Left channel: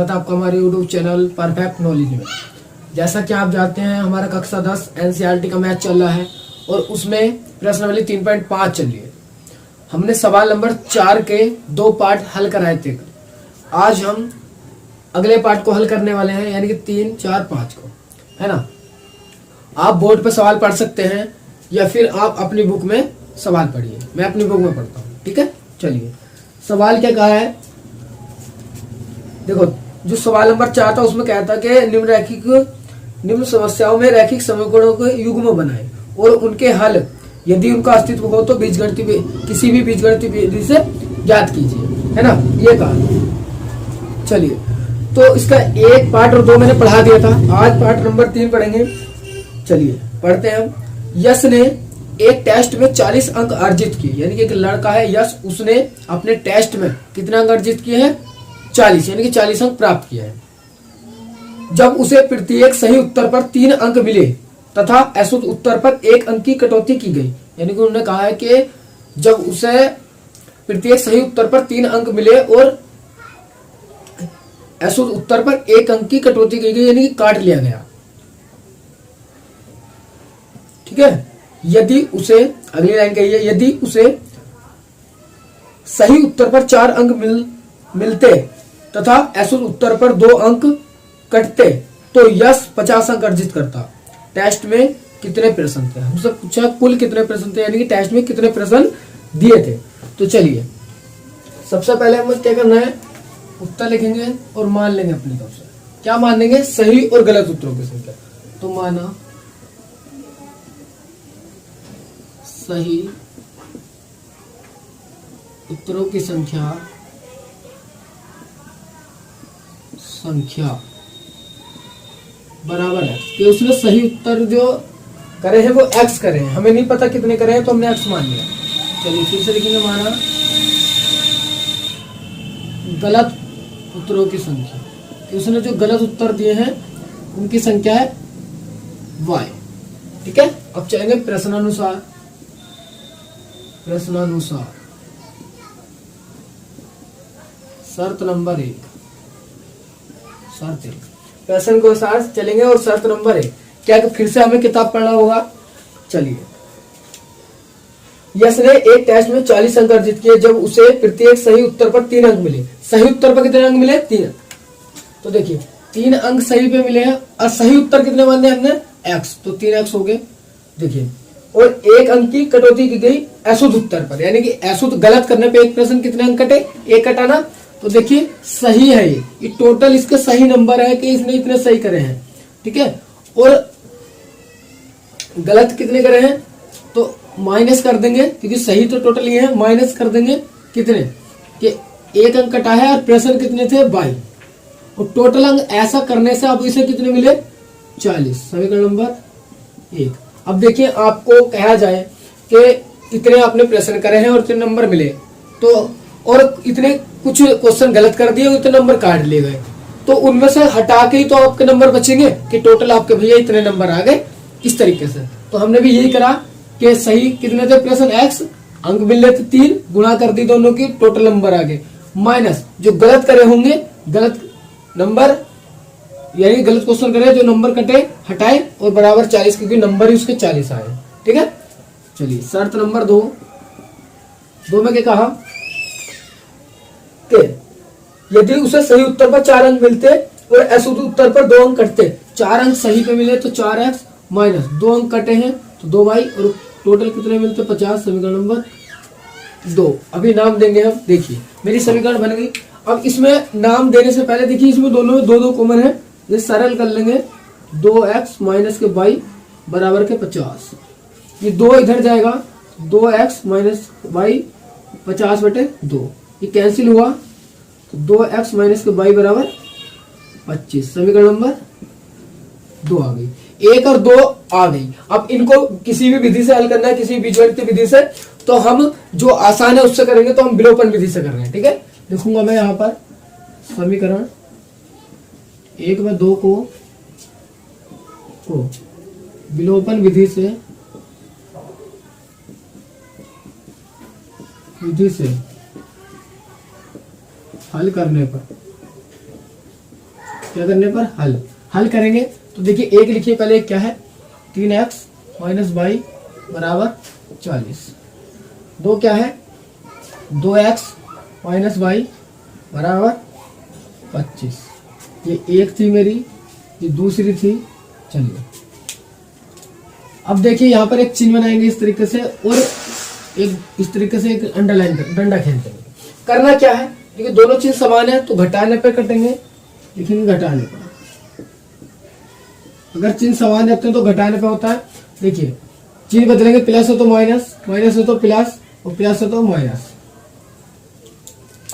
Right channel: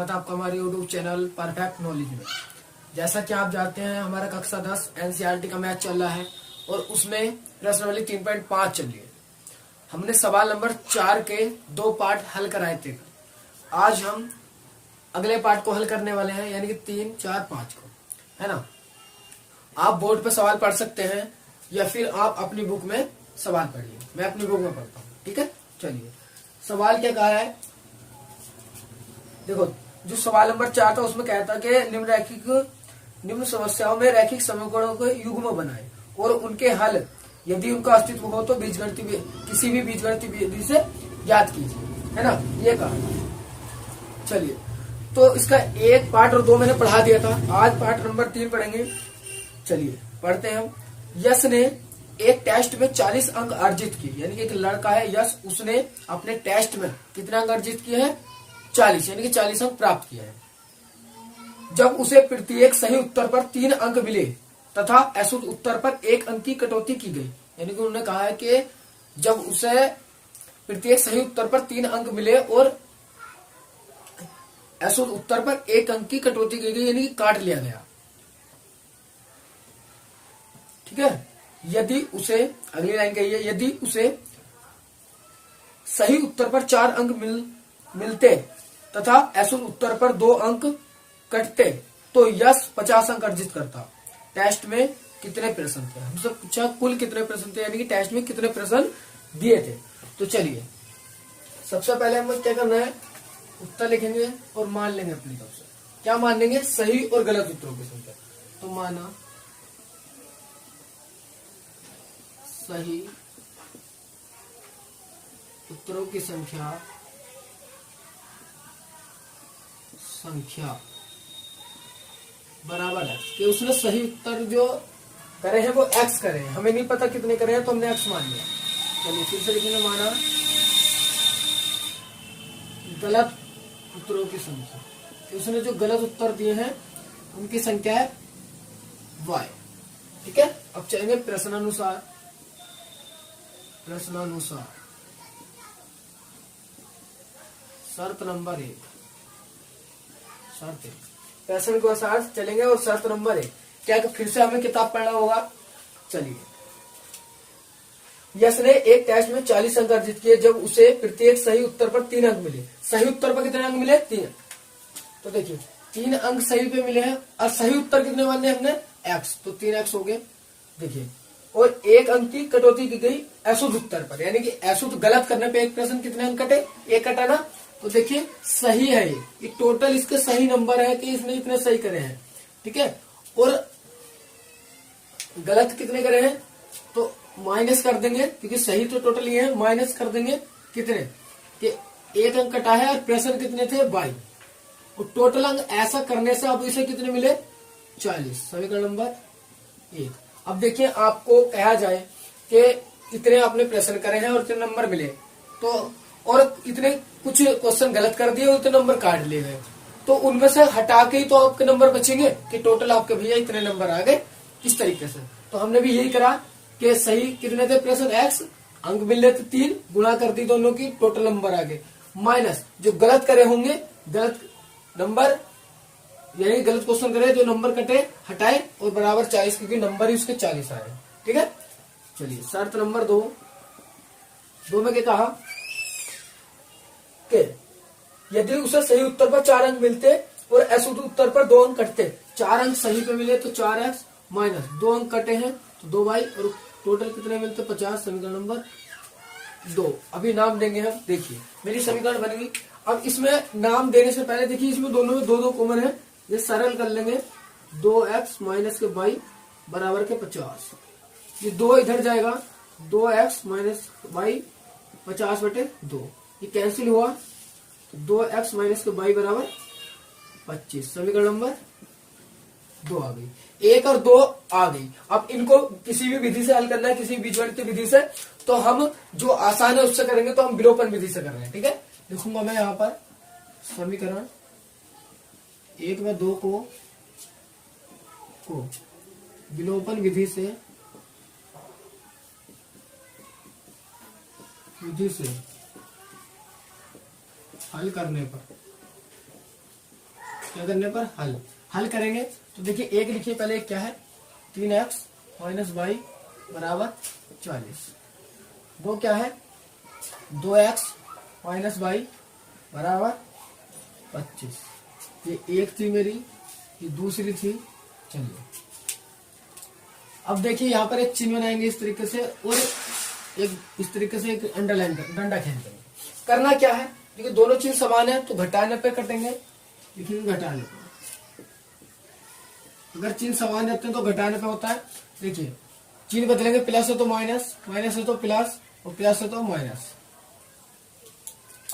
स्वागत है आपका हमारे यूट्यूब चैनल परफेक्ट नॉलेज में। जैसा कि आप जानते हैं हमारा कक्षा 10 एनसीईआरटी का मैथ चल रहा है और उसमें प्रश्नावली 3.5 चल रही है। हमने सवाल नंबर 4 के 2 पार्ट हल कराए थे। आज हम अगले पार्ट को हल करने वाले हैं, यानी कि 3, 4, 5 को, है ना। आप बोर्ड पर सवाल पढ़ सकते हैं या फिर आप अपनी बुक में सवाल पढ़िए। मैं अपनी बुक में पढ़ता हूँ, ठीक है। चलिए, सवाल क्या कहा है, देखो। जो सवाल नंबर 4 था उसमें कहता कि निम्न समस्याओं में रैखिक समीकरणों को युग्म बनाए और उनके हल यदि उनका अस्तित्व हो तो बीजगणितीय किसी भी बीजगणितीय विधि से ज्ञात कीजिए, है ना, ये कहा। चलिए, तो इसका 1 पार्ट और 2 मैंने पढ़ा दिया था। आज पार्ट नंबर 3 पढ़ेंगे। चलिए पढ़ते हैं हम। यश ने एक टेस्ट में 40 अंक अर्जित किए, यानी कि एक लड़का है यश, उसने अपने टेस्ट में कितने अंक अर्जित किए हैं, 40, यानी कि 40 अंक प्राप्त किया है। जब उसे प्रत्येक सही उत्तर पर 3 अंक मिले तथा अशुद्ध उत्तर पर 1 अंक की कटौती की गई, यानी कि उन्होंने कहा है कि जब उसे प्रत्येक सही उत्तर पर 3 अंक मिले और अशुद्ध उत्तर पर 1 अंक की कटौती की गई, यानी कि काट लिया गया, ठीक है। यदि उसे, अगली लाइन कही है, यदि उसे सही उत्तर पर 4 अंक मिलते तथा अशुद्ध उत्तर पर 2 अंक कटते तो यश 50 अंक अर्जित करता। टेस्ट में कितने प्रश्न थे, हमसे पूछा कुल कितने प्रश्न थे, यानी कि टेस्ट में कितने प्रश्न दिए थे। तो चलिए, सबसे पहले हमें क्या करना है, उत्तर लिखेंगे और मान लेंगे अपनी तरफ से। क्या मान लेंगे, सही और गलत उत्तरों की संख्या। तो माना सही उत्तरों की संख्या बराबर है कि उसने सही उत्तर जो करे हैं वो x करे हैं। हमें नहीं पता कितने करे हैं तो हमने x मान लिया। चलिए फिर से लिखेंगे, माना गलत उत्तरों की संख्या कि उसने जो गलत उत्तर दिए हैं उनकी संख्या है y, ठीक है। अब चलेंगे प्रश्नानुसार। शर्त नंबर 1, प्रश्न को साथ चलेंगे और शर्त नंबर 1 क्या कि फिर से हमें किताब पढ़ना होगा। चलिए, यश ने एक टेस्ट में 40 अंक अर्जित किए जब उसे प्रत्येक सही उत्तर पर 3 अंक मिले। सही उत्तर पर कितने अंक मिले, 3। तो देखिए 3 अंक सही पे मिले हैं और सही उत्तर कितने माने हमने, x, तो 3x हो गए। देखिए, और 1 अंक की कटौती की गई अशुद्ध उत्तर पर, यानी कि अशुद्ध गलत करने पे एक प्रश्न कितने अंक कटे, 1 कटा ना। तो देखिए सही है ये टोटल इसका सही नंबर है कि इसने इतने सही करे हैं, ठीक है। और गलत कितने करे हैं तो माइनस कर देंगे, क्योंकि सही तो टोटल ये है, माइनस कर देंगे कितने कि 1 अंक कटा है और प्रश्न कितने थे 22, और टोटल अंक ऐसा करने से अब इसे कितने मिले 40, समीकरण नंबर 1। अब देखिए, आपको कहा जाए कि इतने आपने प्रश्न करे हैं और इतने नंबर मिले, तो और इतने कुछ क्वेश्चन गलत कर दिए, उतने नंबर काट लिए गए, तो उनमें से हटा के ही तो आपके नंबर बचेंगे कि टोटल आपके भैया इतने नंबर आ गए, इस तरीके से। तो हमने भी यही करा कि सही कितने थे प्रश्न x, अंक मिल रहे थे 3, गुणा कर दी दोनों की, टोटल नंबर आ गए, माइनस जो गलत करे होंगे, गलत नंबर यानी गलत क्वेश्चन करे जो नंबर कटे हटाए, और बराबर 40, क्योंकि नंबर ही उसके 40 आए, ठीक है। चलिए शर्त नंबर 2 में क्या कहा कि यदि उसे सही उत्तर पर 4 अंक मिलते और अशुद्ध उत्तर पर 2 अंक कटते। 4 अंक सही पे मिले तो 4x माइनस 2 अंक कटे हैं तो 2y, और टोटल कितने मिलते 50, समीकरण नंबर 2। अभी नाम देंगे हम। देखिए मेरी समीकरण बन गई। अब इसमें नाम देने से पहले देखिए इसमें दोनों में 2 कॉमन है, ये सरल कर लेंगे। 2x माइनस के y बराबर के 50, ये 2 इधर जाएगा, 2x माइनस y 50/2, ये कैंसिल हुआ तो 2x माइनस के y बराबर 25, समीकरण नंबर 2 आ गई। 1 और 2 आ गई। अब इनको किसी भी विधि से हल करना है, किसी बीजगणित विधि से, तो हम जो आसान है उससे करेंगे, तो हम विलोपन विधि से कर रहे हैं, ठीक है। लिखूंगा मैं यहाँ पर समीकरण 1 में 2 को विलोपन विधि से हल करने पर क्या करने पर हल करेंगे। तो देखिए एक लिखिए पहले, क्या है 3x माइनस वाई बराबर 40। दो क्या है 2x माइनस वाई बराबर 25। ये एक थी मेरी, ये दूसरी थी। चलिए अब देखिए यहाँ पर एक चिन्ह बनाएंगे इस तरीके से, और एक इस तरीके से एक अंडरलाइन कर डंडा खेलते हैं। करना क्या है, देखिए दोनों चीज समान है तो घटाने पे कटेंगे, लिखेंगे घटाने पर। अगर चिन्ह समान रखते हैं तो घटाने पे होता है। देखिए चिन्ह बदलेंगे, प्लस हो तो माइनस, माइनस हो तो प्लस, और प्लस हो तो माइनस।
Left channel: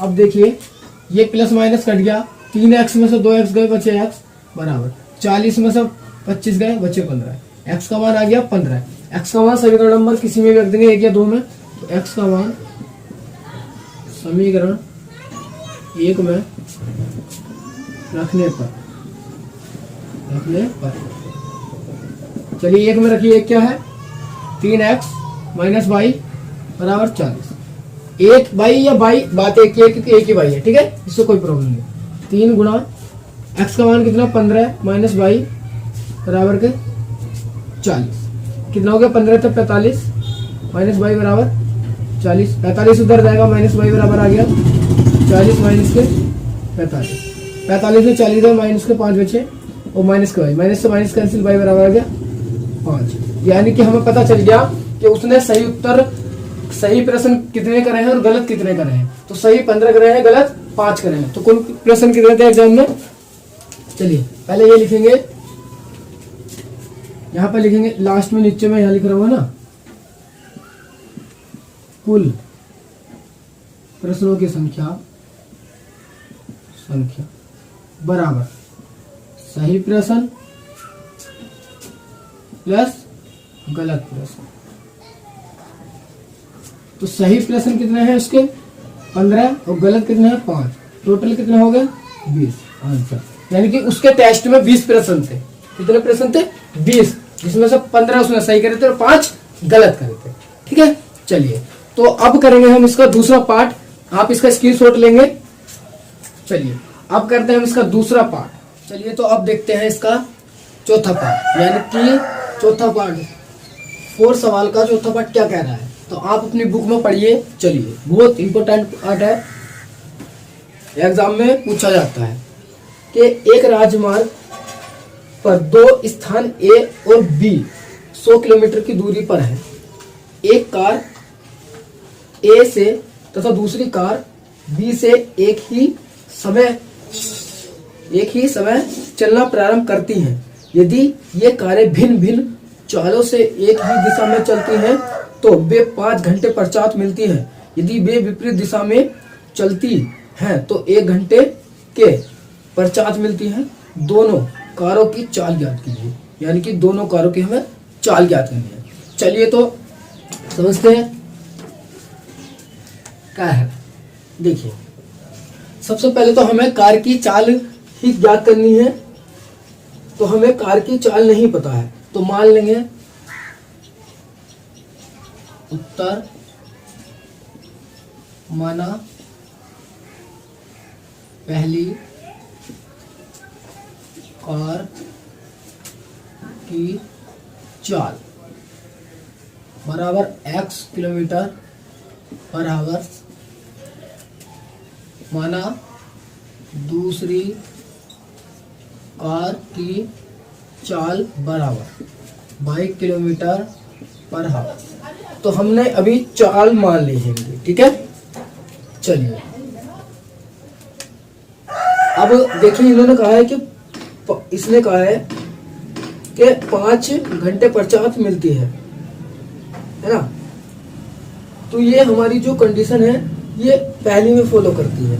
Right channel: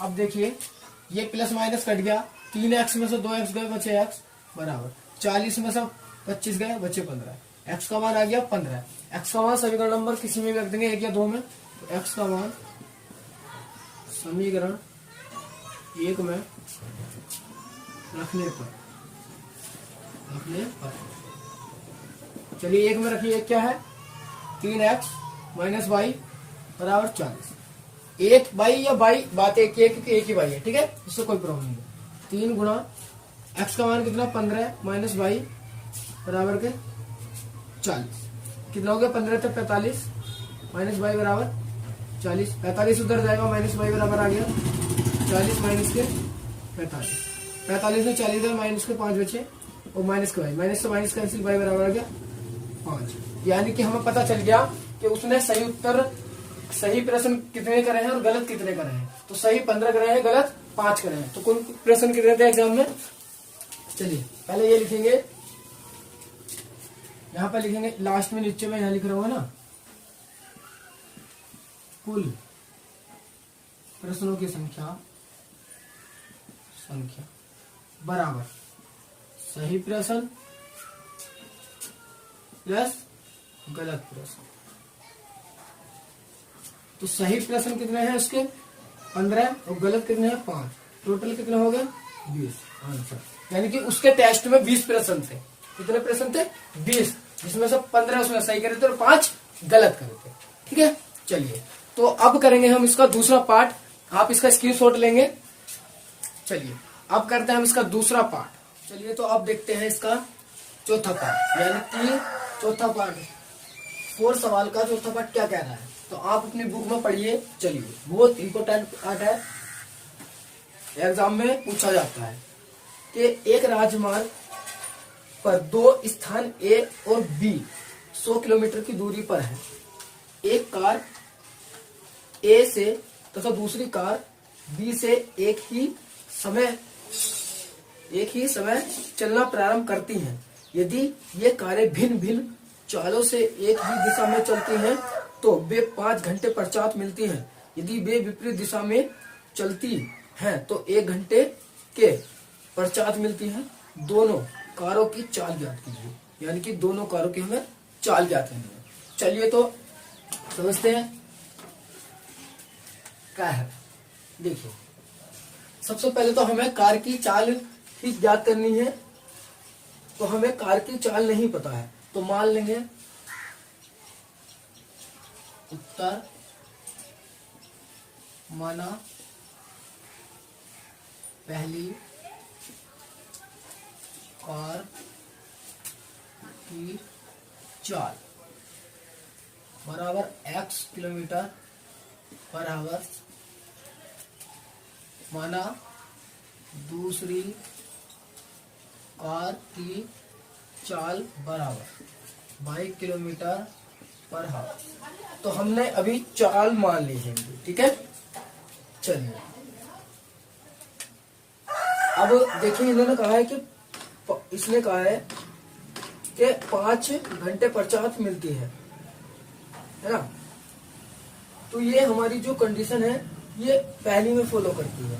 अब देखिए ये प्लस माइनस कट गया, 3x में से 2x गए, बचे x बराबर 40 में से 25 गए, बचे 15। x का मान आ गया 15। x का मान सभी नंबर किसी में भी रख देंगे, एक या दो में। तो x का मान समीकरण 1 में रखने पर चलिए 1 में रखिए, एक क्या है 3x माइनस वाई बराबर 40। एक बाई या बाई बात एक ही बाई है, ठीक है, इससे कोई प्रॉब्लम नहीं। 3 गुणा x का मान कितना 15 माइनस वाई बराबर के 40। कितना हो गया 15 तक 45 माइनस वाई बराबर 40। 45 उधर जाएगा, माइनस वाई बराबर आ गया 40 माइनस के 45। 45 में 40 गए, माइनस के 5 बचे, और माइनस के वाई, माइनस से माइनस कैंसिल, वाई बराबर आ गया 5। यानी कि हमें पता चल गया कि उसने सही प्रश्न कितने करे हैं और गलत कितने करे हैं। तो सही 15 करे हैं, गलत 5 करे हैं। तो कौन प्रश्न कितने थे एग्जाम में, चलिए पहले ये लिखेंगे, यहां पर लिखेंगे लास्ट में, नीचे में यहां लिख रहा हूं ना, कुल प्रश्नों की संख्या बराबर सही प्रश्न प्लस गलत प्रश्न। तो सही प्रश्न कितने हैं उसके 15 और गलत कितने हैं 5, टोटल कितने हो गए 20 आंसर। यानी कि उसके टेस्ट में 20 प्रश्न थे। कितने प्रश्न थे 20, जिसमें से 15 उसने सही करे थे और 5 गलत करे थे, ठीक है। चलिए तो अब करेंगे हम इसका दूसरा पार्ट, आप इसका स्क्रीनशॉट लेंगे। चलिए अब करते हैं हम इसका दूसरा पार्ट। चलिए तो अब देखते हैं इसका चौथा पार्ट, यानी कि चौथा पार्ट 4 सवाल का चौथा पार्ट क्या कह रहा है, तो आप अपनी बुक में पढ़िए। चलिए बहुत इंपॉर्टेंट पार्ट है, एग्जाम में पूछा जाता है कि एक राजमार्ग पर 2 स्थान ए और बी 100 किलोमीटर की दूरी पर है। एक कार ए से तथा दूसरी कार बी से एक ही समय चलना प्रारंभ करती हैं। यदि ये कारें भिन्न भिन्न चालों से एक ही दिशा में चलती हैं तो वे 5 घंटे पश्चात मिलती हैं। यदि वे विपरीत दिशा में चलती हैं तो 1 घंटे के पश्चात मिलती हैं। दोनों कारों की चाल ज्ञात कीजिए, यानी कि दोनों कारों की हमें चाल ज्ञात करनी है। चलिए तो समझते हैं क्या है। देखिए सबसे पहले तो हमें कार की चाल ही ज्ञात करनी है, तो हमें कार की चाल नहीं पता है, तो मान लेंगे उत्तर माना पहली कार की चाल बराबर x किलोमीटर पर आवर, माना दूसरी कार की चाल बराबर 22 किलोमीटर पर आवर। तो हमने अभी चाल मान ली है, ठीक है। चलिए अब देखिए इन्होंने कहा है कि इसने कहा है कि 5 घंटे पश्चात मिलती है ना। तो ये हमारी जो कंडीशन है ये पहली में फॉलो करती है,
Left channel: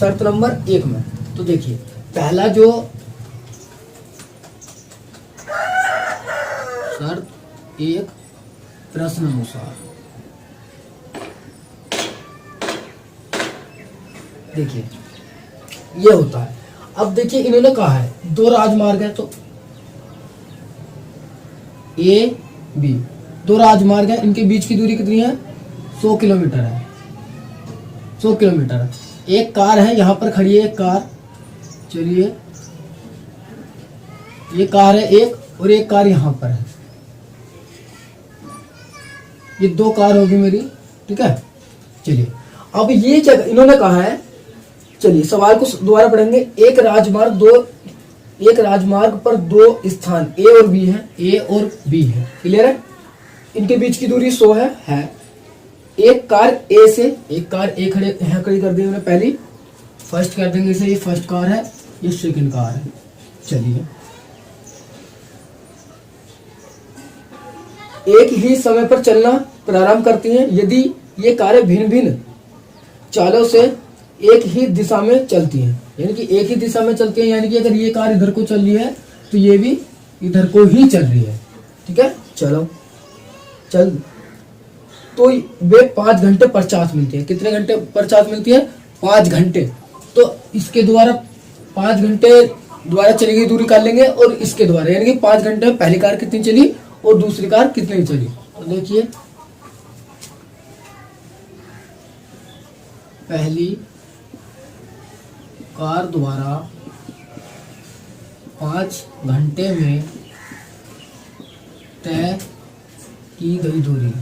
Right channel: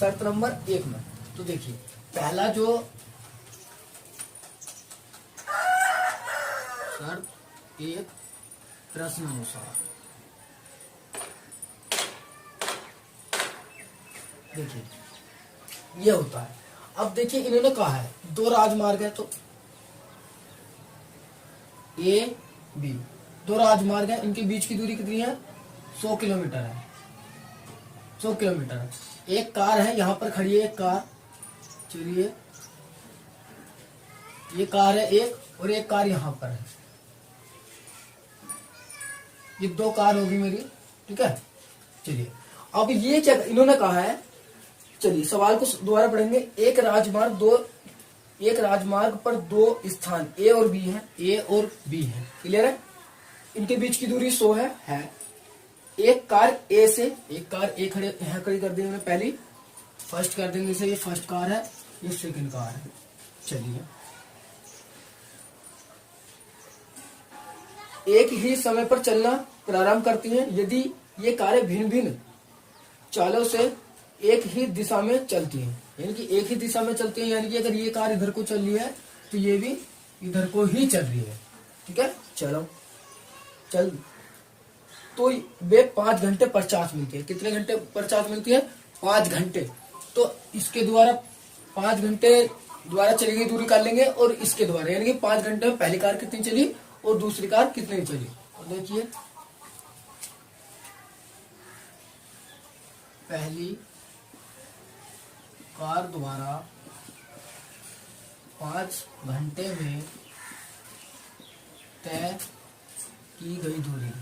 शर्त नंबर 1 में। तो देखिए पहला जो शर्त 1 प्रश्न अनुसार, देखिए ये होता है। अब देखिए इन्होंने कहा है 2 राजमार्ग है, तो ए बी 2 राजमार्ग है, इनके बीच की दूरी कितनी है 100 किलोमीटर है। 100 किलोमीटर है। एक कार है यहाँ पर खड़ी है, एक कार, चलिए ये कार है एक और एक कार यहाँ पर है, ये 2 कार होगी मेरी, ठीक है। चलिए अब ये क्या इन्होंने कहा है, चलिए सवाल को दोबारा पढ़ेंगे। एक राजमार्ग पर 2 स्थान ए और बी है, ए और बी है, क्लियर है। इनके बीच की दूरी 100 है। एक कार ए खड़े यहाँ खड़ी कर दी मैंने, पहली फर्स्ट कर देंगे इसे, ये फर्स्ट कार है, ये सेकंड कार है। चलिए एक ही समय पर चलना प्रारंभ करती हैं यदि ये कारें भिन्न भिन्न चालों से एक ही दिशा में चलती हैं, यानी कि एक ही दिशा में चलती हैं, यानी कि अगर ये कार इधर को चल रही है तो ये भी इधर को ही चल रही है, ठीक है। चलो चल, तो वे 5 घंटे पश्चात मिलती है। कितने घंटे पश्चात मिलती है? 5 घंटे। तो इसके द्वारा 5 घंटे द्वारा चली गई दूरी कर लेंगे, और इसके द्वारा यानी कि 5 घंटे में पहली कार कितनी चली और दूसरी कार कितनी चली। तो देखिए पहली कार द्वारा 5 घंटे में तय की गई दूरी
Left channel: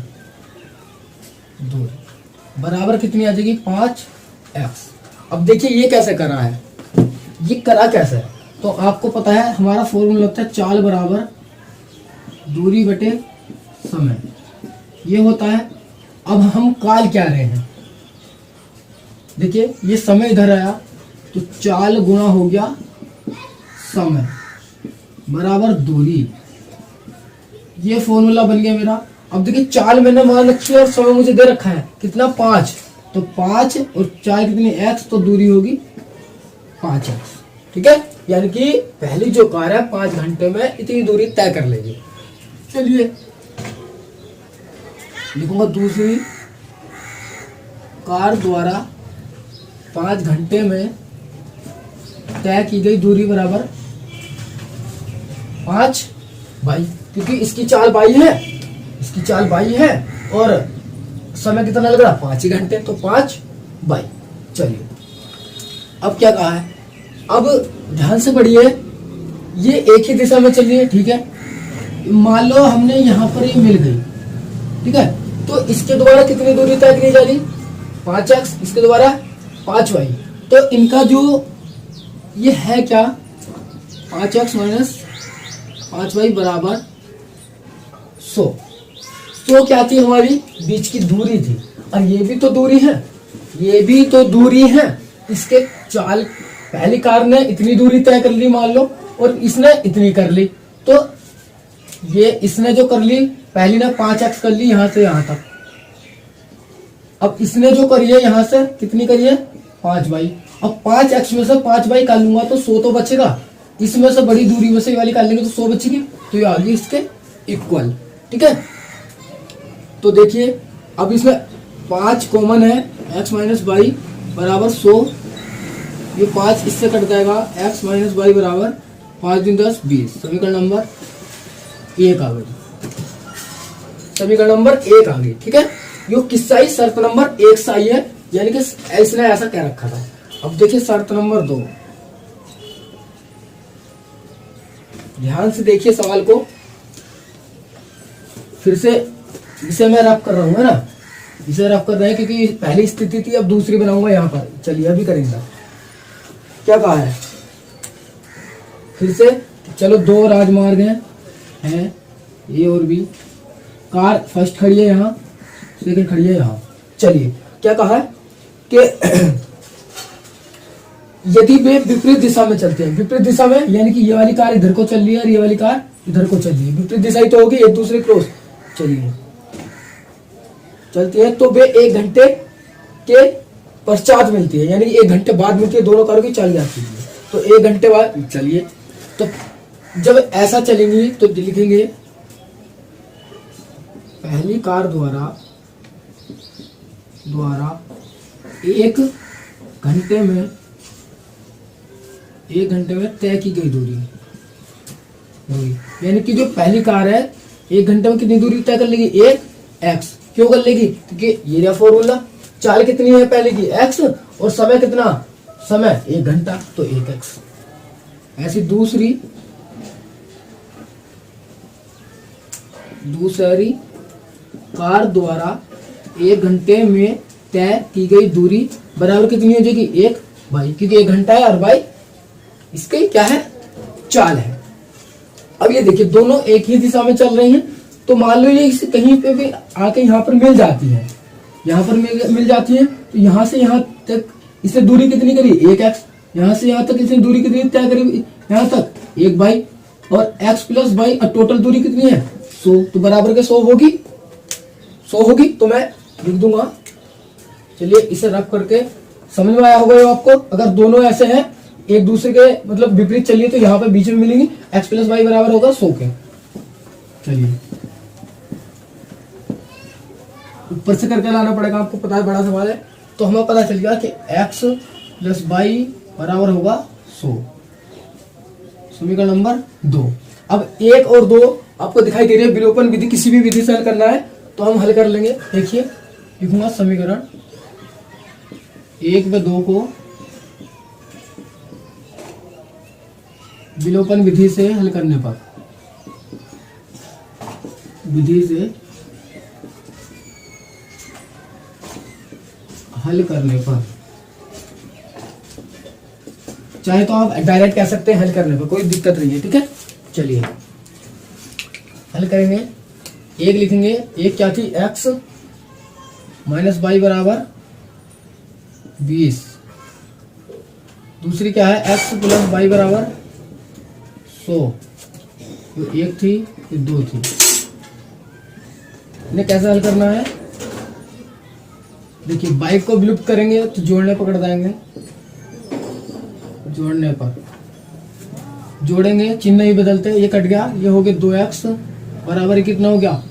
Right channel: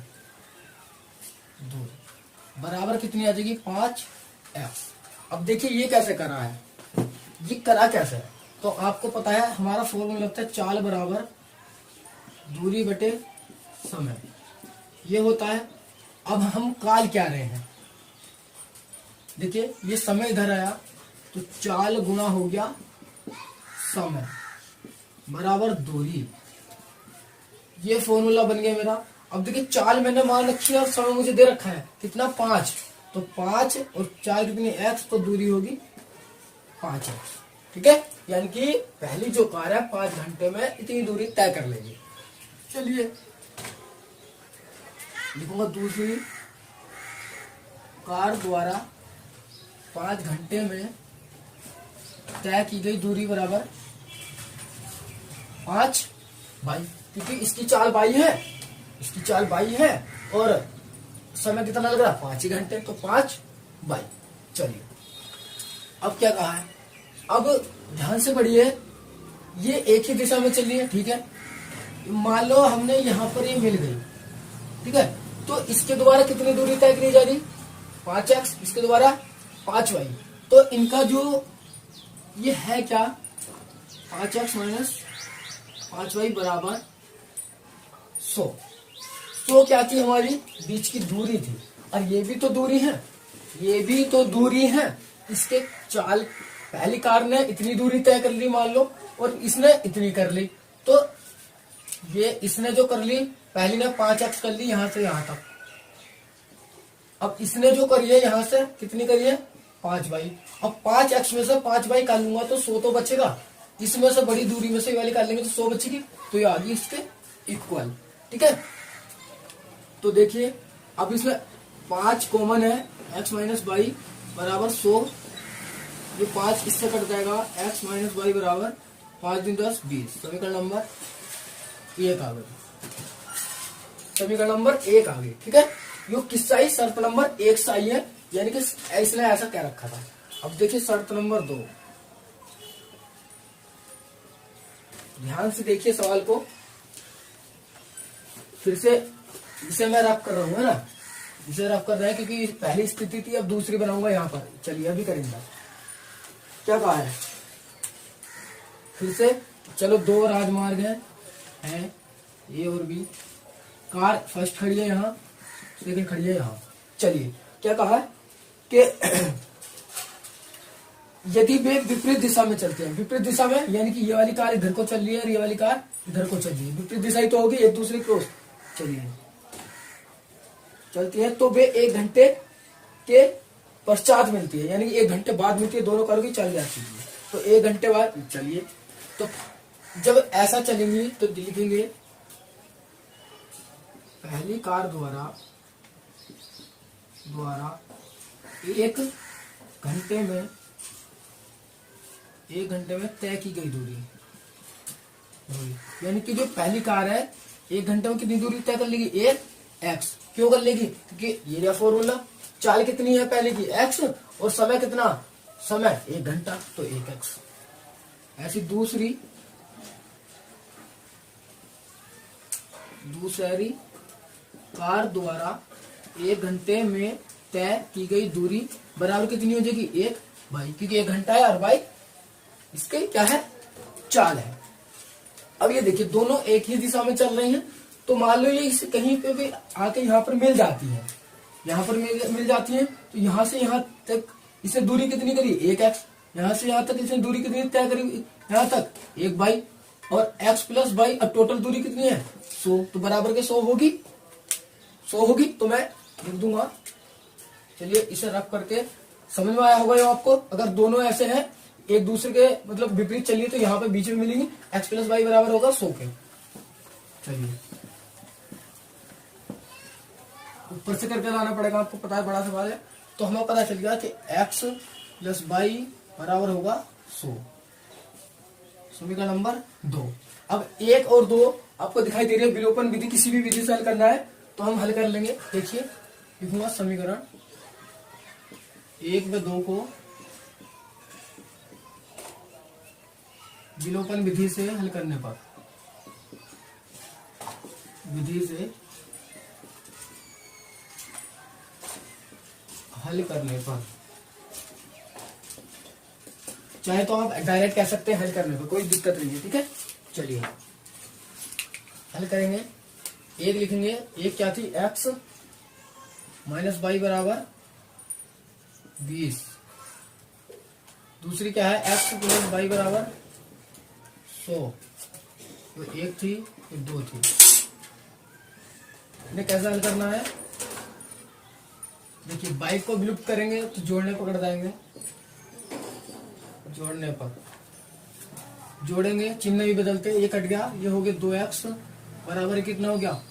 बराबर कितनी आ जाएगी? 5x। अब देखिए ये कैसे करा है, ये करा कैसे है, तो आपको पता है हमारा फॉर्मूला होता है चाल बराबर दूरी बटे समय, ये होता है। अब हम काल क्या रहे हैं, देखिए ये समय इधर आया तो चाल गुणा हो गया समय बराबर दूरी, ये फॉर्मूला बन गया मेरा। अब देखिए चाल मैंने मान रखी है और समय मुझे दे रखा है कितना? 5। तो 5 और चाल कितनी? x, तो दूरी होगी 5x, ठीक है। यानी कि पहली जो कार है 5 घंटे में इतनी दूरी तय कर लेगी। चलिए लिखूंगा दूसरी कार द्वारा 5 घंटे में तय की गई दूरी बराबर 5 बाई, क्योंकि इसकी चाल बाई है और समय कितना लग रहा? 5 ही घंटे, तो 5 बाई। चलिए अब क्या कहा है, अब ध्यान से पढ़िए, ये एक ही दिशा में चल रही है, ठीक है। मान लो हमने यहाँ पर ये मिल गई, ठीक है, तो इसके द्वारा कितनी दूरी तय करी जा रही? 5x, इसके द्वारा 5y। तो इनका जो ये है क्या? 5x माइनस 5y बराबर 100। 100 क्या थी? हमारी बीच की दूरी थी, और ये भी तो दूरी है, इसके चाल पहली कार ने इतनी दूरी तय कर ली मान लो, और इसने इतनी कर ली, तो ये इसने जो कर ली, पहली ने 5x कर ली यहां से यहां तक। अब इसने जो करी है यहां से कितनी करी है? 5y। अब 5x में से 5y कर लूंगा तो 100 तो बचेगा, इसमें से बड़ी दूरी में से वाली कर लेंगे तो 100 बचेगी, तो ये आ गई इसके इक्वल, ठीक है। तो देखिए अब इसमें 5 कॉमन है, x माइनस वाई बराबर 100, ये 5 इससे कट जाएगा, x माइनस वाई बराबर 5 दिन 10 20। समीकरण नंबर 1 आ गई, समीकरण नंबर 1 आ गई, ठीक है। यो किससा ही? शर्त नंबर 1 सा ही है, यानी कि इसने ऐसा कह रखा था। अब देखिए शर्त नंबर 2, ध्यान से देखिए सवाल को, फिर से इसे मैं रफ कर रहा हूँ, है ना, इसे रफ कर रहे हैं क्योंकि पहली स्थिति थी, अब दूसरी बनाऊंगा यहाँ पर। चलिए अभी करेंगे। क्या कहा है फिर से? चलो 2 राजमार्ग हैं ए और बी, कार फर्स्ट खड़ी है यहाँ, सेकंड खड़ी है यहाँ। चलिए क्या कहा है कि यदि वे विपरीत दिशा में चलते हैं, विपरीत दिशा में यानी कि ये वाली कार इधर को चल रही है और ये वाली कार इधर को चल रही है, विपरीत दिशा ही तो होगी, एक दूसरे क्रॉस चलिए चलती है, तो वे 1 घंटे के पश्चात मिलती है, यानी कि 1 घंटे बाद मिलती है, दोनों कारों की चाल आती है। तो 1 घंटे बाद चलिए, तो जब ऐसा चलेंगी तो लिखेंगे पहली कार द्वारा 1 घंटे में तय की गई दूरी, यानी कि जो पहली कार है 1 घंटे में कितनी दूरी तय कर लेगी? 1x। क्यों कर लेगी? क्योंकि ये रहा फॉर्मूला, चाल कितनी है पहले की? x, और समय कितना? समय 1 घंटा, तो 1x। ऐसी दूसरी दूसरी कार द्वारा 1 घंटे में तय की गई दूरी बराबर कितनी हो जाएगी 1 बाई, क्योंकि 1 घंटा है और बाई इसके क्या है चाल है। अब ये देखिए दोनों एक ही दिशा में चल रही हैं, तो मान लो ये इसे कहीं पे भी आके यहाँ पर मिल जाती है, यहाँ पर मिल जाती है, तो यहाँ से यहाँ तक इसे दूरी कितनी करी 1x, यहाँ से यहाँ तक इसने दूरी कितनी तय करी यहाँ तक 1 बाई, और x प्लस बाई, और टोटल दूरी कितनी है 100, तो बराबर के 100 होगी, 100 होगी। तो मैं लिख दूंगा, चलिए इसे रख करके समझ में आया होगा ये आपको। अगर दोनों ऐसे हैं एक दूसरे के मतलब विपरीत चलिए तो यहाँ पे बीच में मिलेंगे, x प्लस वाई बराबर होगा 100 के। चलिए ऊपर से करके लाना पड़ेगा, आपको पता है बड़ा सवाल है। तो हमें पता चल गया कि x प्लस वाई बराबर होगा 100, समीकरण नंबर 2। अब 1 और 2 आपको दिखाई दे रही है, विलोपन विधि किसी भी विधि से हल करना है तो हम हल कर लेंगे। देखिए लिखूंगा समीकरण 1 व 2 को विलोपन विधि से हल करने पर, विधि से हल करने पर, चाहे तो आप डायरेक्ट कह सकते हैं हल करने पर, कोई दिक्कत नहीं है, ठीक है। चलिए हल करेंगे। एक लिखेंगे, एक क्या थी x माइनस बाई बराबर 20, दूसरी क्या है x प्लस बाई बराबर 100, तो एक थी ये 2 थी। इन्हें कैसे हल करना है, देखिए बाइक को विलुप्त करेंगे तो जोड़ने पकड़ जाएंगे, जोड़ने पर जोड़ेंगे चिन्ह ही बदलते, ये कट गया, ये हो गया 2x बराबर कितना हो गया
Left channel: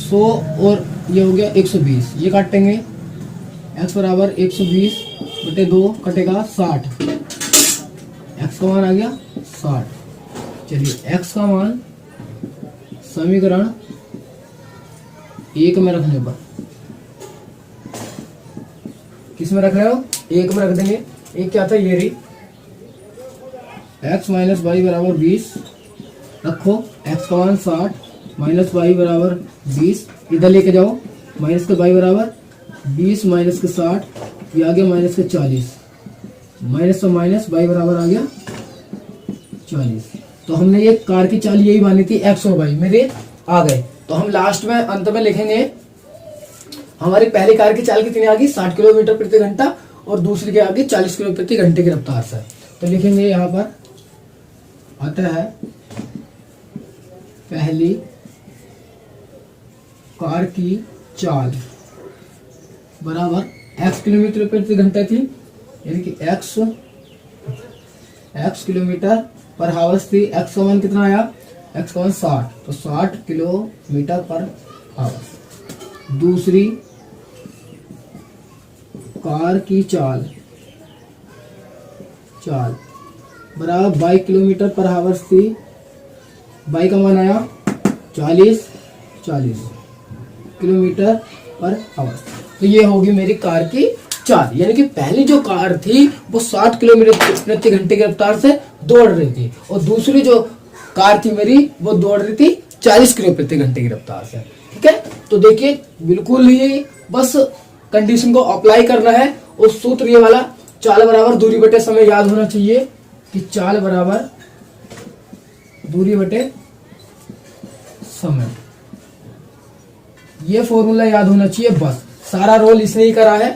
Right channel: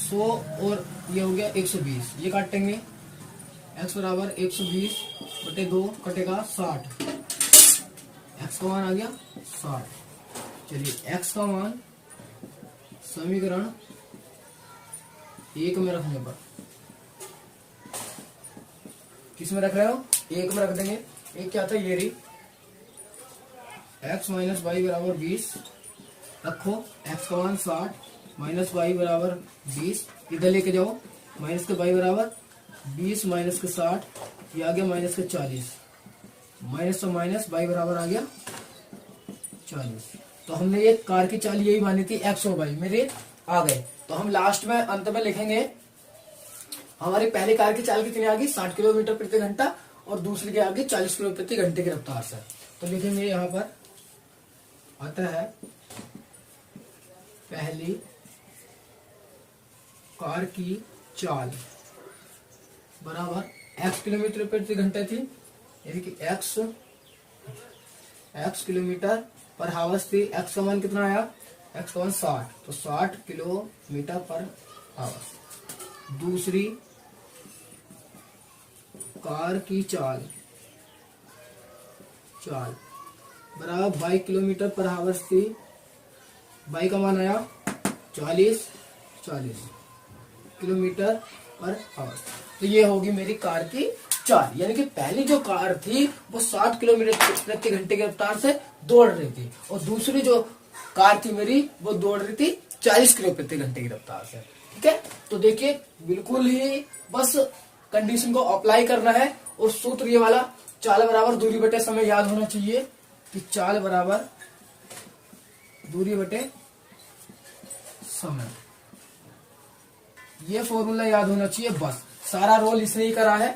100, और ये हो गया 120, ये काटेंगे x बराबर 120 बटे 2 कटेगा 60, x का मान आ गया 60। चलिए x का मान समीकरण 1 में रखने पर, किस में रख रहे हो 1 में रख देंगे। एक क्या था ये रही x माइनस वाई बराबर 20, रखो x का मान 60 माइनस वाई बराबर 20, इधर लेके जाओ, माइनस का वाई बराबर 20 माइनस के 60, ये आ गया माइनस के 40, माइनस का माइनस वाई बराबर आ गया 40। तो हमने ये कार की चाल यही मानी थी x और y मेरे आ गए। तो हम लास्ट में अंत में लिखेंगे हमारी पहली कार की चाल कितनी आ गई 60 किलोमीटर प्रति घंटा, और दूसरी की आ गई 40 किलोमीटर प्रति घंटे की रफ्तार से। तो लिखेंगे यहाँ पर आता है पहली कार की चाल बराबर x किलोमीटर प्रति घंटा थी, यानी कि x किलोमीटर पर हावर्स थी। x का मान कितना आया, x का मान 60, तो 60 किलोमीटर पर हावर्स। दूसरी कार की चाल बराबर 22 किलोमीटर पर हावर्स थी, बाई का मान आया 40 किलोमीटर पर हावर्स। तो ये होगी मेरी कार की चाल, यानी कि पहली जो कार थी वो 60 किलोमीटर प्रति घंटे की रफ्तार से दौड़ रही थी, और दूसरी जो कार थी मेरी वो दौड़ रही थी 40 किलोमीटर प्रति घंटे की रफ्तार से, ठीक है। तो देखिए बिल्कुल ही बस कंडीशन को अप्लाई करना है, और सूत्र ये वाला चाल बराबर दूरी बटे समय याद होना चाहिए कि चाल बराबर दूरी बटे समय, ये फॉर्मूला याद होना चाहिए। बस सारा रोल इसने ही करा है,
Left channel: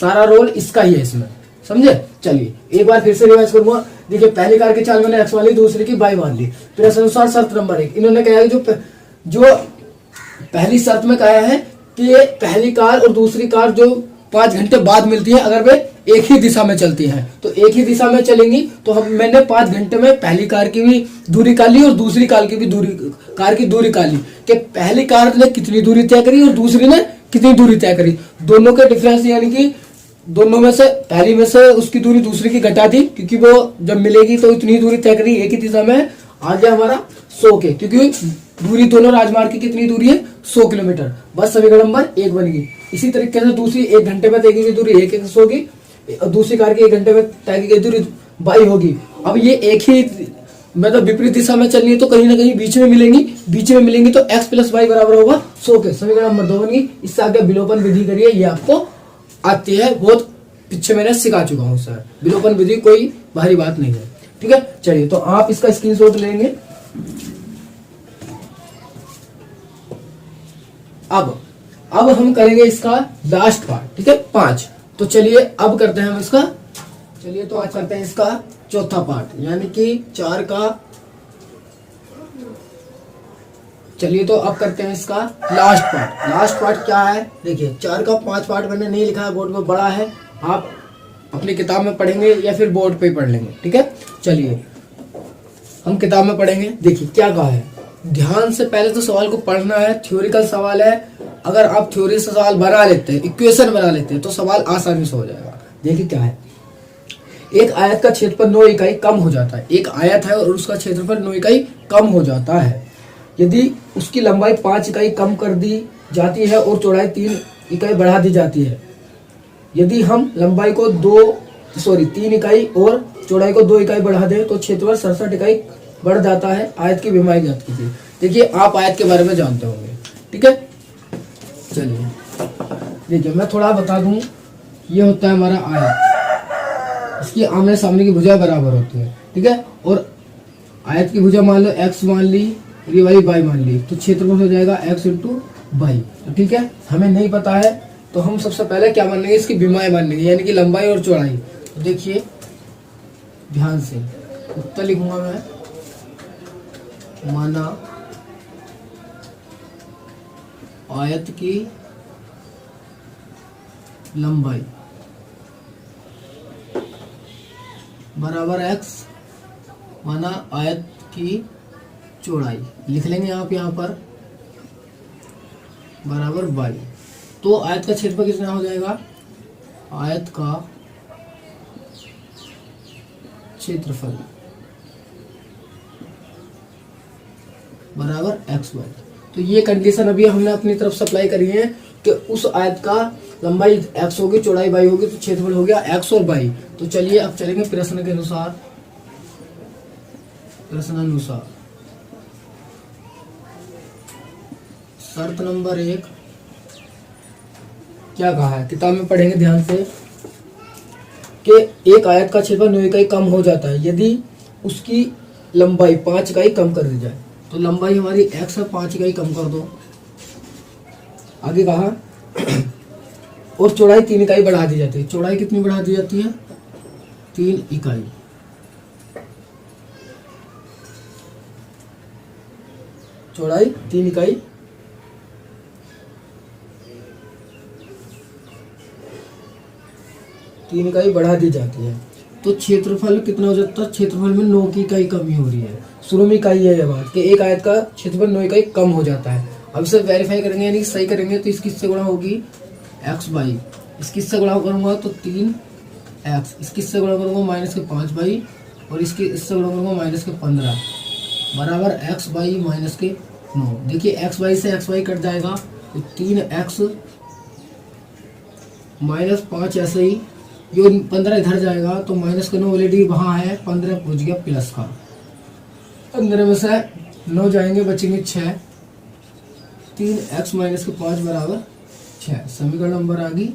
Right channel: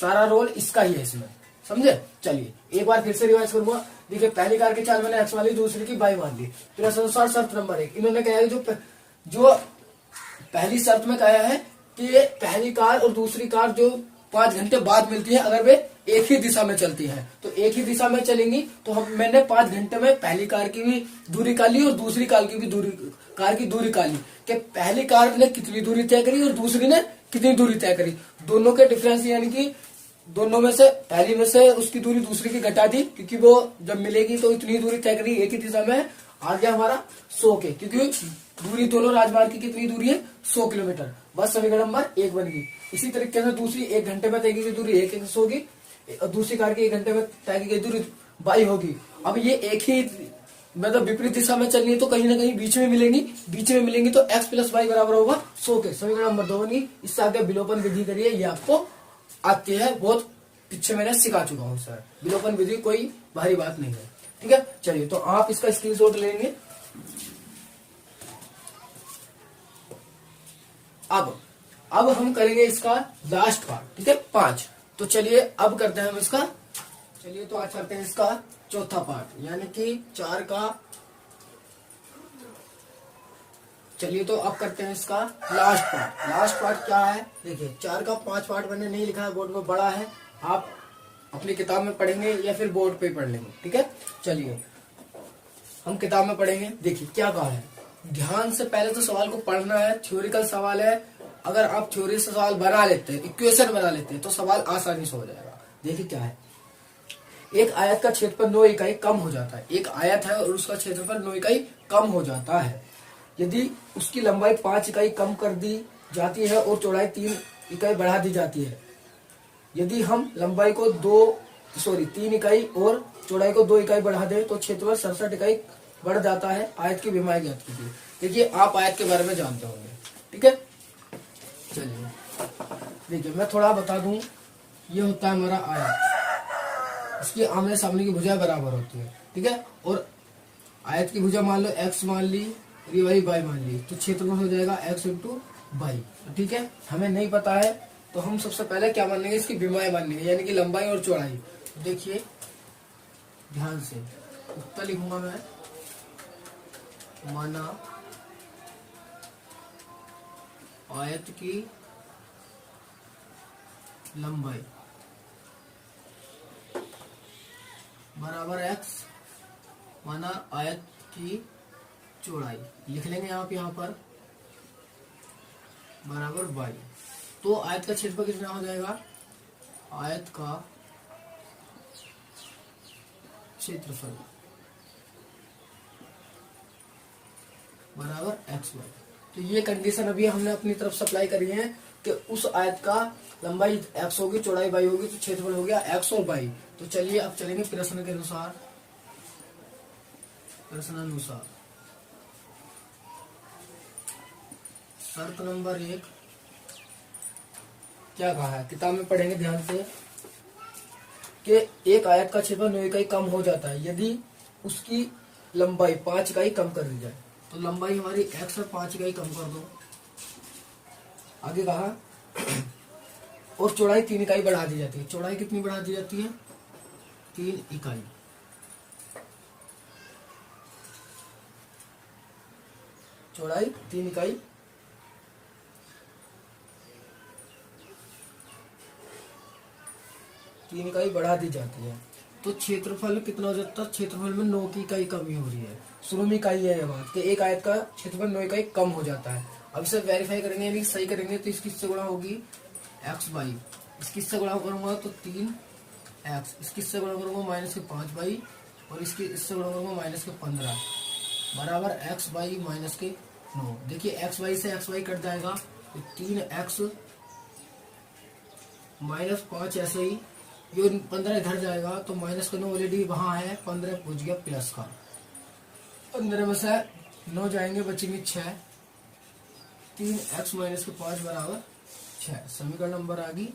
सारा रोल इसका ही है इसमें, समझे। चलिए एक बार फिर से रिवाइज करूंगा। देखिए पहली कार की चाल मैंने एक्स वाली, दूसरी की बाई मान ली। फिर अनुसार शर्त नंबर 1 इन्होंने कहा है जो पहली शर्त में कहा है कि पहली कार और दूसरी कार जो 5 घंटे बाद मिलती है, अगर वे एक ही दिशा में चलती हैं तो एक ही दिशा में चलेंगी। तो मैंने 5 घंटे में पहली कार की भी दूरी का ली और दूसरी कार की भी दूरी का ली, कि पहली कार ने कितनी दूरी तय करी और दूसरी ने कितनी दूरी तय करी। दोनों के डिफरेंस यानी कि दोनों में से पहली में से उसकी दूरी दूसरी की घटा दी, क्योंकि वो जब मिलेगी तो इतनी दूरी तय करी एक ही दिशा में। आ गया हमारा 100 के, क्योंकि दूरी दोनों राजमार्ग की कितनी दूरी है 100 किलोमीटर। बस समीकरण नंबर 1 बन गई। इसी तरीके से दूसरी 1 घंटे में तय की गई दूरी 1 होगी, दूसरी कार की 1 घंटे में तय की गई दूरी 22 होगी। अब ये एक ही मतलब विपरीत दिशा में चलनी है तो कहीं ना कहीं बीच में मिलेंगी, बीच में मिलेंगी तो x प्लस वाई बराबर होगा 100 के। समीकरण नंबर 2 बन गई। इससे आगे विलोपन विधि करिए, ये आपको आती है, बहुत पीछे मैंने सिखा चुका हूँ सर। विलोपन विधि कोई भारी बात नहीं है, ठीक है। चलिए तो आप इसका स्क्रीनशॉट लेंगे। अब हम करेंगे इसका लास्ट पार्ट, ठीक है, 5। तो चलिए अब करते हैं हम इसका, चलिए तो आज करते हैं इसका चौथा पार्ट, यानी कि 4 का। चलिए तो अब करते हैं इसका लास्ट पार्ट। लास्ट पार्ट क्या है, देखिए 4 का 5 पार्ट मैंने नहीं लिखा है बोर्ड में, बड़ा है, आप अपनी किताब में पढ़ेंगे या फिर बोर्ड पे पढ़ लेंगे, ठीक है। चलिए हम किताब में पढ़ेंगे। देखिए क्या कहा है, ध्यान से पहले तो सवाल को पढ़ना है, थ्योरिकल सवाल है। अगर आप थ्योरी से सवाल बना लेते हैं, इक्वेशन बना लेते हैं, तो सवाल आसानी से हो जाएगा। देखिए क्या है, एक आयत का क्षेत्रफल 9 इकाई कम हो जाता है। एक आयत है और उसका क्षेत्रफल 9 इकाई कम हो जाता है। यदि उसकी लंबाई 5 इकाई कम कर दी जाती है और चौड़ाई 3 इकाई बढ़ा दी जाती है। यदि हम लंबाई को 3 इकाई और चौड़ाई को 2 इकाई बढ़ा दें तो क्षेत्रफल 67 इकाई बढ़ जाता है। आयत की विमाई ज्ञात कीजिए। देखिए आप आयत के बारे में जानते होंगे, ठीक है। चलिए देखिए मैं थोड़ा बता दूं, ये होता है हमारा आयत, इसकी आमने सामने की भुजा बराबर होती है, ठीक है। और आयत की भुजा मान लो x मान ली, ये वाली y मान ली, तो क्षेत्रफल हो जाएगा x इंटू वाई, ठीक है। हमें नहीं पता है तो हम सबसे पहले क्या मान लेंगे, इसकी विमाएं मान लेंगे, यानी कि लंबाई और चौड़ाई। तो देखिए ध्यान से उत्तर लिखूंगा मैं, माना आयत की लंबाई बराबर x, माना आयत की चौड़ाई लिख लेंगे आप यहाँ पर बराबर y। तो आयत का क्षेत्रफल कितना हो जाएगा, आयत का क्षेत्रफल बराबर xy। तो ये कंडीशन अभी हमने अपनी तरफ से अप्लाई करी है कि उस आयत का लंबाई x होगी, चौड़ाई y होगी, तो क्षेत्रफल हो गया x और y। तो चलिए अब चलेंगे प्रश्न के अनुसार। प्रश्नानुसार शर्त नंबर 1 क्या कहा है, किताब में पढ़ेंगे ध्यान से, कि एक आयत का क्षेत्रफल 9 इकाई कम हो जाता है यदि उसकी लंबाई 5 इकाई कम कर दी जाए। तो लंबाई हमारी x है, 5 इकाई कम कर दो। आगे कहा और चौड़ाई 3 इकाई बढ़ा दी जाती है। चौड़ाई कितनी बढ़ा दी जाती है, 3 इकाई। चौड़ाई 3 इकाई बढ़ा दी जाती है। तो क्षेत्रफल कितना हो जाता है, क्षेत्रफल में 9 की इकाई कमी हो रही है। शुरू में इकाई है ये बात कि एक आयत का क्षेत्रफल 9 इकाई कम हो जाता है। अब इसे वेरीफाई करेंगे, यानी सही करेंगे, तो इसकी इससे गुणा होगी एक्स बाई, इसकी इससे गुणा करूंगा तो 3x, इसकी इससे गुणा करूंगा माइनस के 5 बाई, और इसकी इससे गुणा करूंगा माइनस के 15 बराबर x बाई माइनस के 9। देखिए x बाई से x बाई कट जाएगा तो 3x माइनस 5 ऐसे ही, जो 15 इधर जाएगा तो माइनस का 9 ऑलरेडी वहां है, 15 पहुंच गया प्लस का। 15 में से 9 जाएंगे, बचेंगे 6। 3x माइनस के 5 बराबर 6। समीकरण नंबर आ गई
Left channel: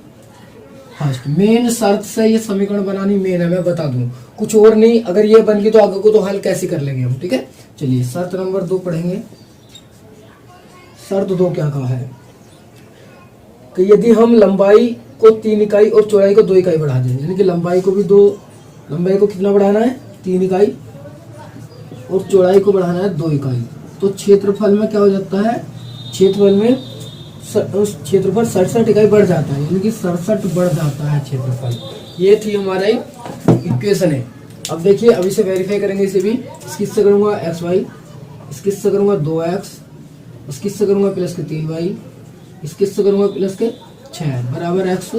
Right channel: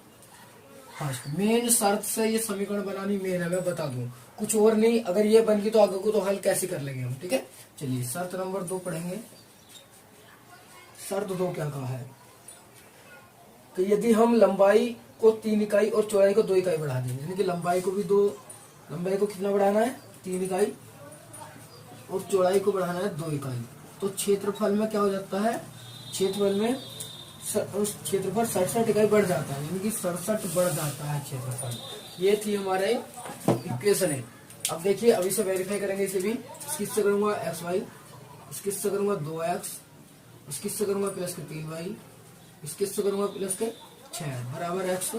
फर्स्ट। मेन शर्त से ये समीकरण बनानी मेन है, मैं बता दूं, कुछ और नहीं। अगर ये बन गई तो आगे को तो हल कैसे कर लेंगे हम, ठीक है। चलिए शर्त नंबर 2 पढ़ेंगे। शर्त 2 क्या कहा है कि यदि हम लंबाई को 3 इकाई और चौड़ाई को 2 इकाई बढ़ा दें, यानी कि लंबाई को कितना बढ़ाना है, 3 इकाई, और चौड़ाई को बढ़ाना है 2 इकाई, तो क्षेत्रफल में क्या हो जाता है, क्षेत्रफल में क्षेत्रफल 67 इकाई बढ़ जाता है, यानी कि 67 बढ़ जाता है क्षेत्रफल। ये थी हमारा इक्वेशन है। अब देखिए अभी से वेरीफाई करेंगे इसे भी। इसकी से करूंगा एक्स वाई, इसकी से करूंगा 2x, इसकी से करूंगा प्लस के 3y, इसकी से करूंगा प्लस के 6 बराबर एक्स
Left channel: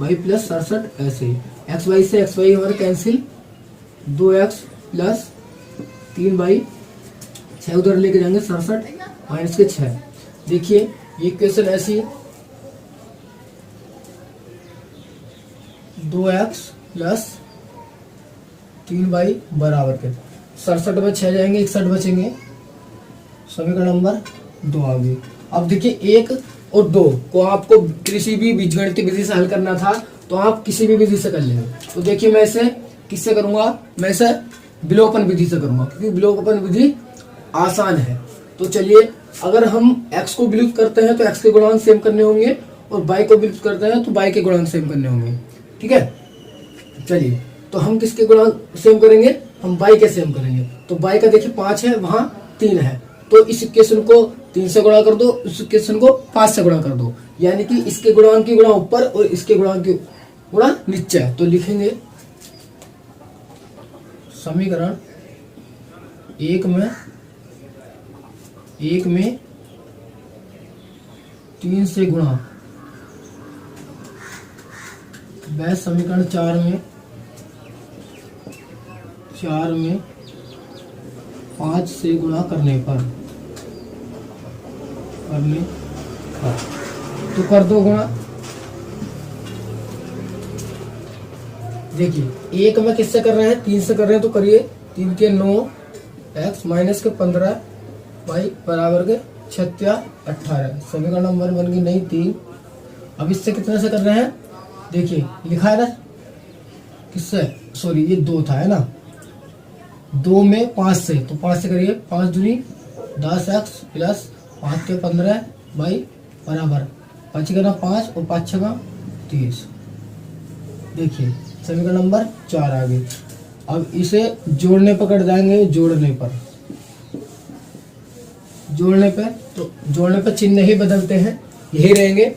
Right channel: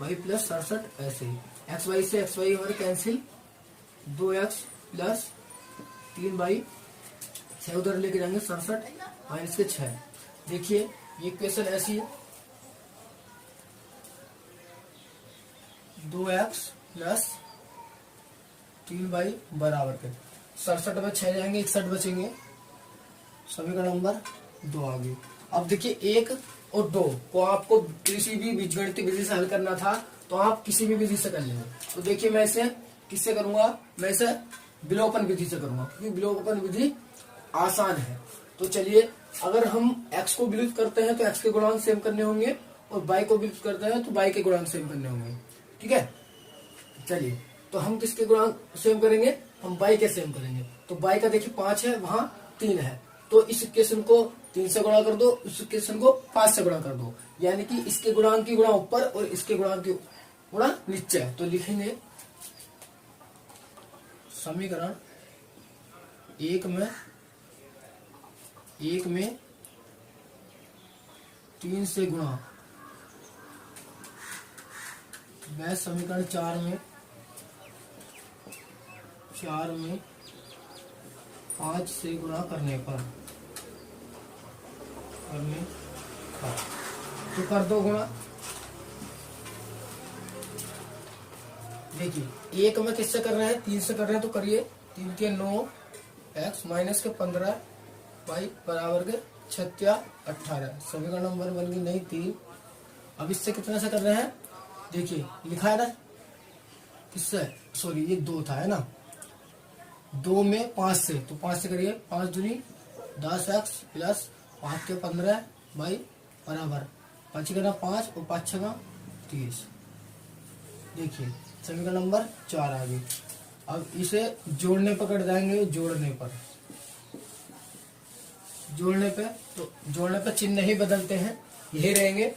वाई प्लस 67। ऐसे एक्स वाई से एक्स वाई हमारा कैंसिल, 2x प्लस 3y, 6 उधर लेके जाएंगे 67 माइनस के 6। देखिए ये इक्वेशन ऐसी, 2x प्लस 3y बराबर के 67 में 6 जाएंगे, 61 बचेंगे। समीकरण नंबर 2 आ गई। अब देखिए 1 और 2 को आपको किसी भी बीजगणितीय विधि से हल करना था तो आप किसी भी विधि से कर लेंगे। तो देखिए मैं इसे किससे करूंगा, मैं इसे विलोपन विधि से करूंगा, क्योंकि विलोपन विधि आसान है। तो चलिए, अगर हम x को विलुप्त करते हैं तो x के गुणांक सेम करने होंगे, और y को विलुप्त करते हैं तो y के गुणांक सेम करने होंगे। ठीक है, चलिए तो हम किसके गुणांक सेम करेंगे, हम y के सेम करेंगे। तो y का देखिए 5 है, वहां 3 है, तो इस इक्वेशन को 3 से गुणा कर दो, इस इक्वेशन को 5 से गुणा कर दो, यानी कि इसके गुणांक की गुणा ऊपर और इसके गुणांक की गुणा नीचे। तो लिखेंगे समीकरण 1 में 3 से गुणा, वह समीकरण 4 में 5 से गुणा करने पर तो कर दो गुणा। देखिए 1 में किससे कर रहे हैं, 3 से कर रहे हैं, तो करिए। 3 के 9, x माइनस के 15, y बराबर के 36 18। समीकरण नंबर बन गई नहीं 3। अब इससे कितने से कर रहे हैं, देखिए लिखा है ना किससे, सॉरी ये 2 था, है ना। 2 में 5 से, तो 5 से करिए। 5 दूनी 10x प्लस 5 के 15 y बराबर 5 का 5 और 5 का 30। देखिए समीकरण नंबर 4 आ गई। अब इसे जोड़ने पर कट जाएंगे, जोड़ने पे तो जोड़ने पे चिन्ह ही बदलते हैं, यही रहेंगे।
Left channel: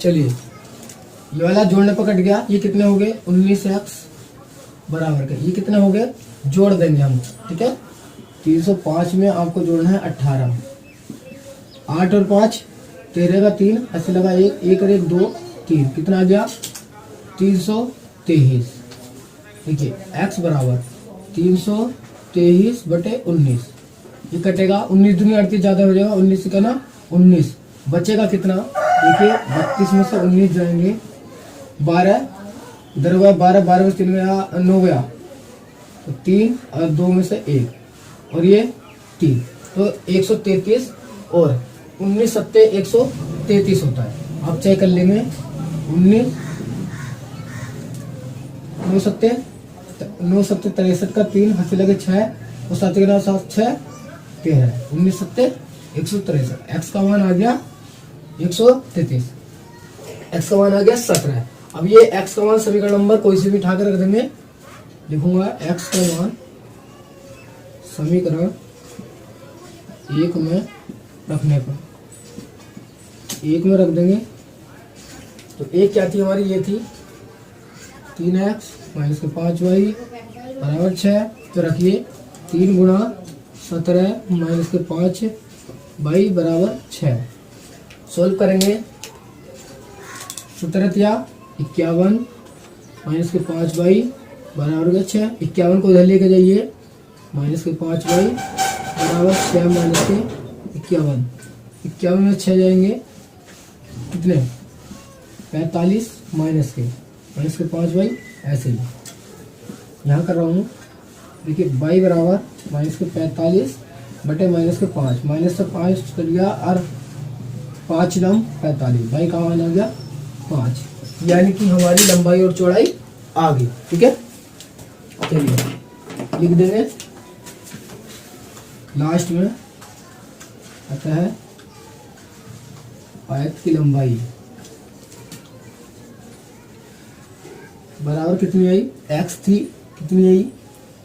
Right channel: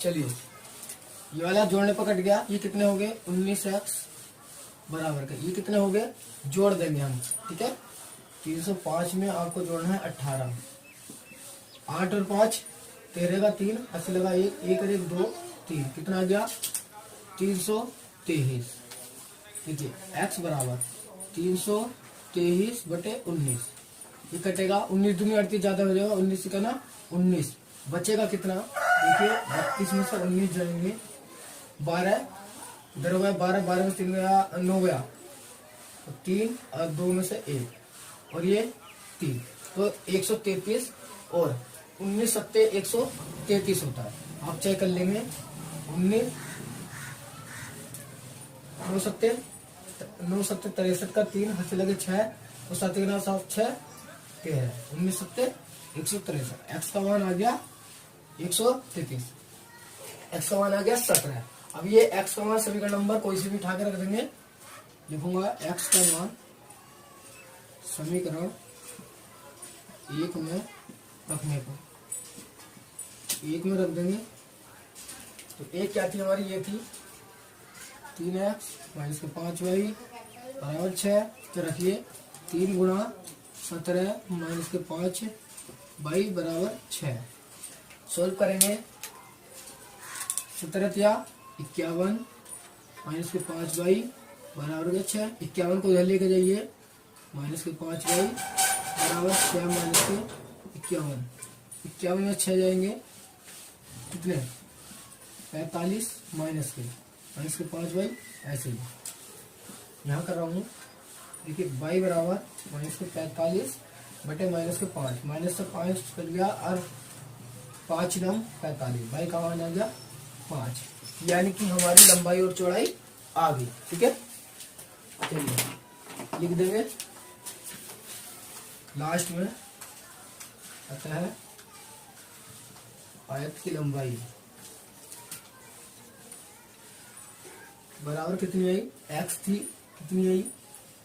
चलिए ये वाला जोड़ने पर कट गया, ये कितने हो गए 19x बराबर के, ये कितने हो गए, जोड़ देंगे हम। ठीक है, 305 में आपको जोड़ना है 18, 8 और 5 13 का 3, 80 लगा 1, 1 और 1 2, 3, कितना आ गया 323। देखिए x बराबर 323 बटे 19, ये कटेगा 19 दूनी 38 ज्यादा हो जाएगा, 19 का ना 19 बचेगा कितना, देखिए 32 में से 19 जाएंगे, 12 इधर हुआ 12, 12 में 3 गया 9 गया, तो 3 और 2 में से 1 और ये 3, तो 133 और 19 सत्ते 133 होता है। आप चेक कर लेंगे, 19 9 सत्ते 63 का 3, हाथ लगे 6 और 7 के 7 6 13, 19 सत्ते 163। एक्स का मान आ गया 133, एक्स का मान आ गया 17। अब ये एक्स का मान समीकरण नंबर कोई से भी उठा कर रख देंगे, लिखूंगा एक्स का मान समीकरण 1 में रखने पर, 1 में रख देंगे। तो एक क्या थी हमारी, ये थी 3x माइनस के 5y बराबर 6। तो रखिए 3 गुणा 17 माइनस के 5y बराबर 6। सोल्व करेंगे, 17 या 51 माइनस के 5y बराबर के 6। 51 को इधर लेके जाइए, माइनस के 5y बराबर 6 माइनस के 51, 51 में 6 जाएंगे, कितने 45 माइनस के 5y, ऐसे ही यहाँ कर रहा हूँ। देखिए y बराबर माइनस के 45 बटे माइनस के 5, माइनस से 5 कर लिया और 5 दाम 45, y का मान आ गया 5, यानी कि हमारी लंबाई और चौड़ाई आ गई। ठीक है, चलिए लिख देंगे, लास्ट में आता है आयत की लंबाई बराबर कितनी आई, x थी, कितनी आई,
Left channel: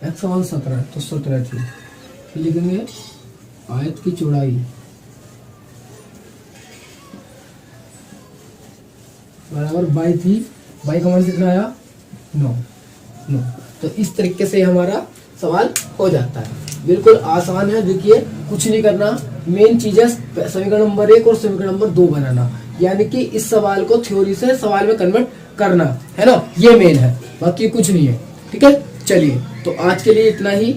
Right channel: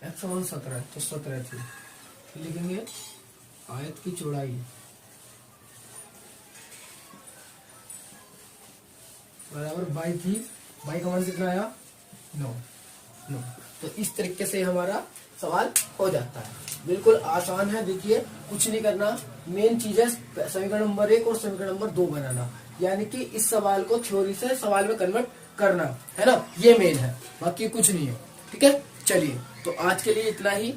x का मान 17, तो 17 थी। फिर लिखेंगे आयत की चौड़ाई बराबर 22 थी, y का मान कितना आया 9। तो इस तरीके से हमारा सवाल हो जाता है, बिल्कुल आसान है। देखिए कुछ नहीं करना, मेन चीज है समीकरण नंबर 1 और समीकरण नंबर 2 बनाना, यानी कि इस सवाल को थ्योरी से सवाल में कन्वर्ट करना, है ना, ये मेन है, बाकी कुछ नहीं है। ठीक है, चलिए तो आज के लिए इतना ही,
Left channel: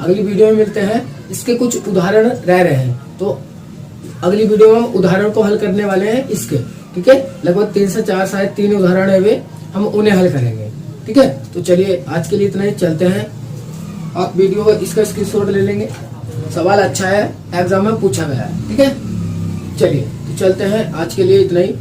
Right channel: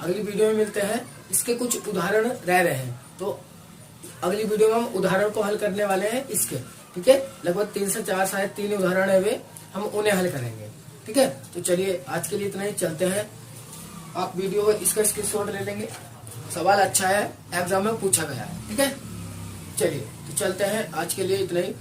अगली वीडियो में मिलते हैं। इसके कुछ उदाहरण रह रहे हैं, तो अगली वीडियो में उदाहरण को हल करने वाले हैं इसके। ठीक है, लगभग 3 से 4 शायद 3 उदाहरण है वे, हम उन्हें हल करेंगे। ठीक है, तो चलिए आज के लिए इतना ही, चलते हैं। आप वीडियो इसका स्क्रीनशॉट ले लेंगे। सवाल अच्छा है, एग्जाम में पूछा गया है। ठीक है, चलिए तो चलते हैं, आज के लिए इतना ही।